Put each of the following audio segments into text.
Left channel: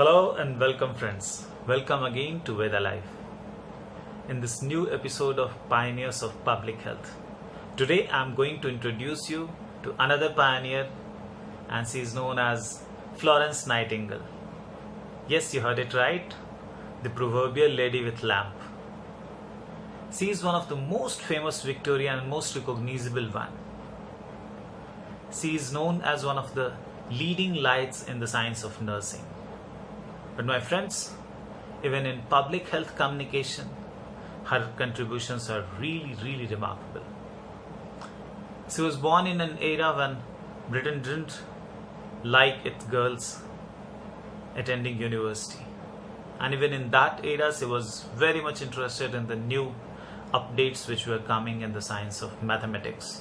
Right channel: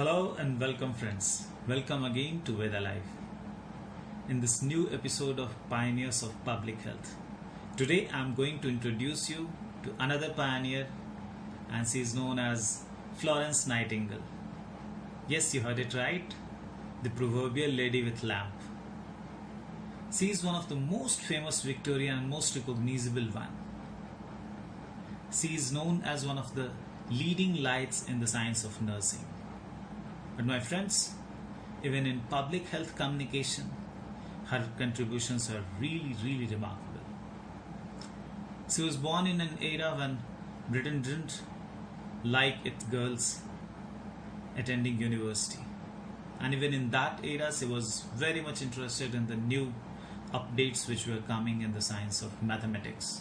Hello and welcome friends. Welcome again to Vedhalife. In this new episode of Pioneers of Public Health. Today I am going to introduce you to another pioneer, and she is known as Florence Nightingale. Yes, you heard it right. The proverbial lady with lamp. She is one of the most famous Victorian and most recognizable one. She is known as one of the leading lights in the science of nursing. But my friends, even in public health communication, her contributions are really remarkable. She was born in an era when Britain didn't like its girls attending university. And even in that era, she was very much interested in the new updates which were coming in the science of mathematics.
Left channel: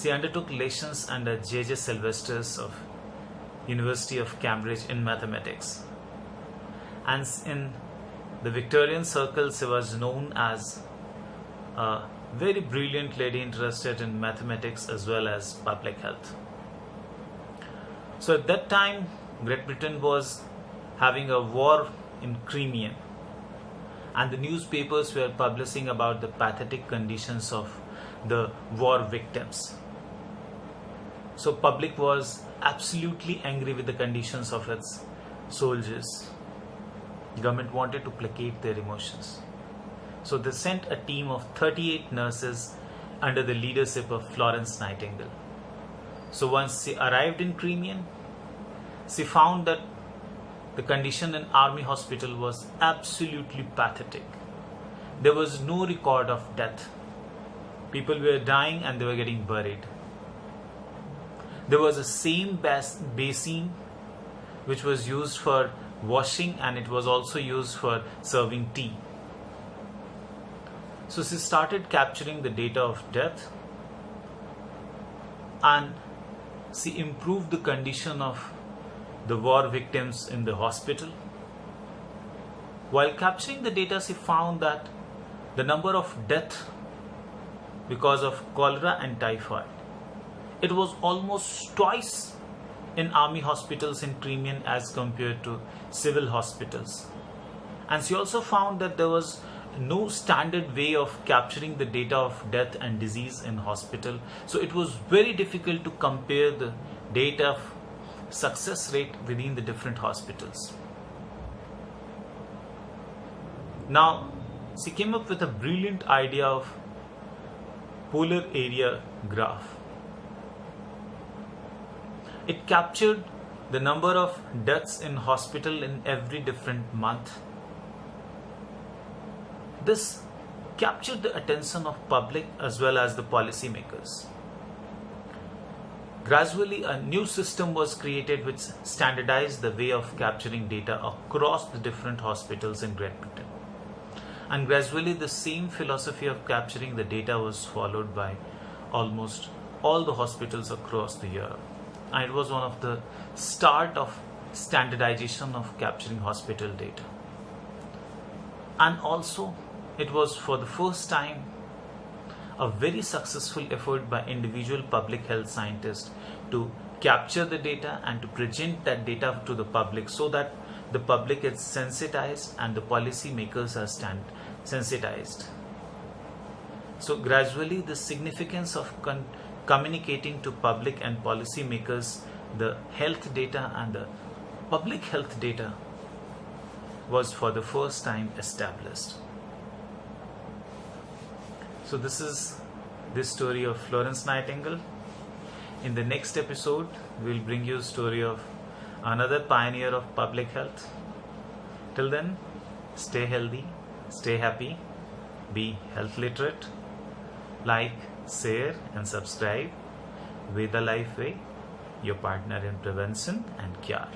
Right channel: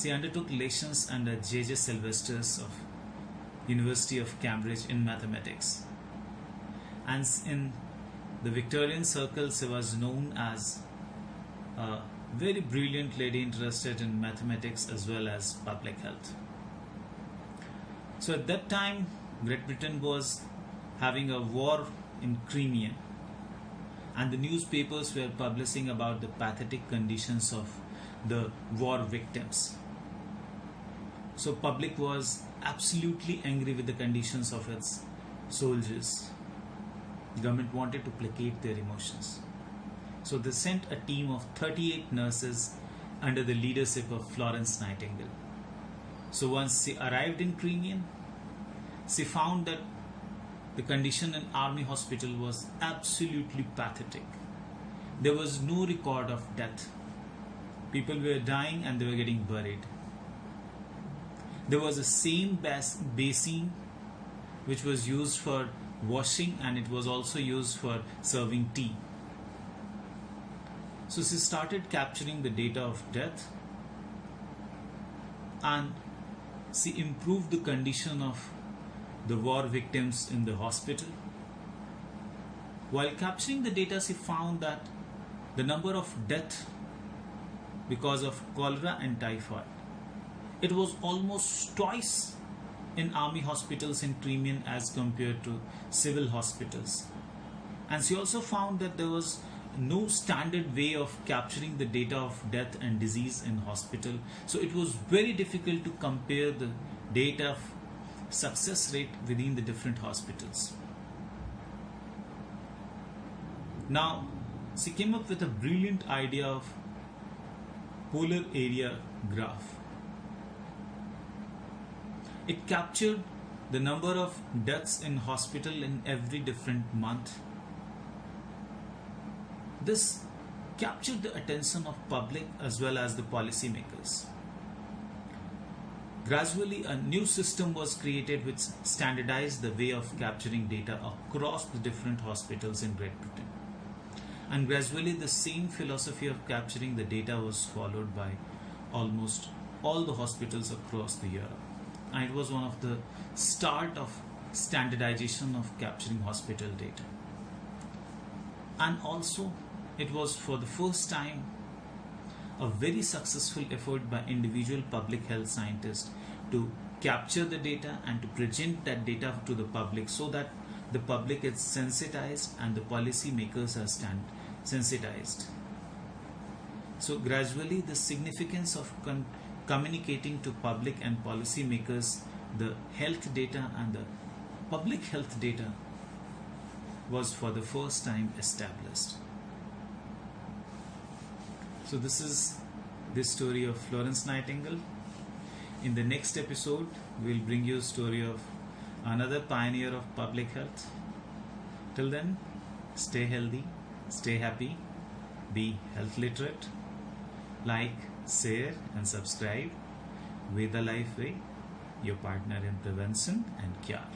She undertook lessons under J.J. Sylvesters of University of Cambridge in mathematics, and in the Victorian circles she was known as a very brilliant lady interested in mathematics as well as public health. So at that time Great Britain was having a war in Crimea, and the newspapers were publishing about the pathetic conditions of the war victims. So public was absolutely angry with the conditions of its soldiers. Government wanted to placate their emotions. So they sent a team of 38 nurses under the leadership of Florence Nightingale. So once she arrived in Crimea, she found that the condition in army hospital was absolutely pathetic. There was no record of death. People were dying and they were getting buried. There was a same basin which was used for washing, and it was also used for serving tea. So she started capturing the data of death, and she improved the condition of the war victims in the hospital. While capturing the data, she found that the number of deaths because of cholera and typhoid, it was almost twice in army hospitals in Crimea as compared to civil hospitals. And she also found that there was no standard way of capturing the data of death and disease in hospital. So it was very difficult to compare the data of success rate within the different hospitals. Now, she came up with a brilliant idea of polar area graph. It captured the number of deaths in hospital in every different month. This captured the attention of public as well as the policymakers. Gradually, a new system was created which standardized the way of capturing data across the different hospitals in Great Britain. And gradually, the same philosophy of capturing the data was followed by almost all the hospitals across the Europe. And it was one of the start of standardization of capturing hospital data. And also, it was for the first time a very successful effort by individual public health scientists to capture the data and to present that data to the public, so that the public is sensitized and the policy makers are sensitized. So gradually the significance of communicating to public and policy makers the health data and the public health data was for the first time established. So this is the story of Florence Nightingale. In the next episode, we will bring you a story of another pioneer of public health. Till then, stay healthy, stay happy, be health literate, like, share and subscribe. Vedhalife Way, your partner in prevention and cure.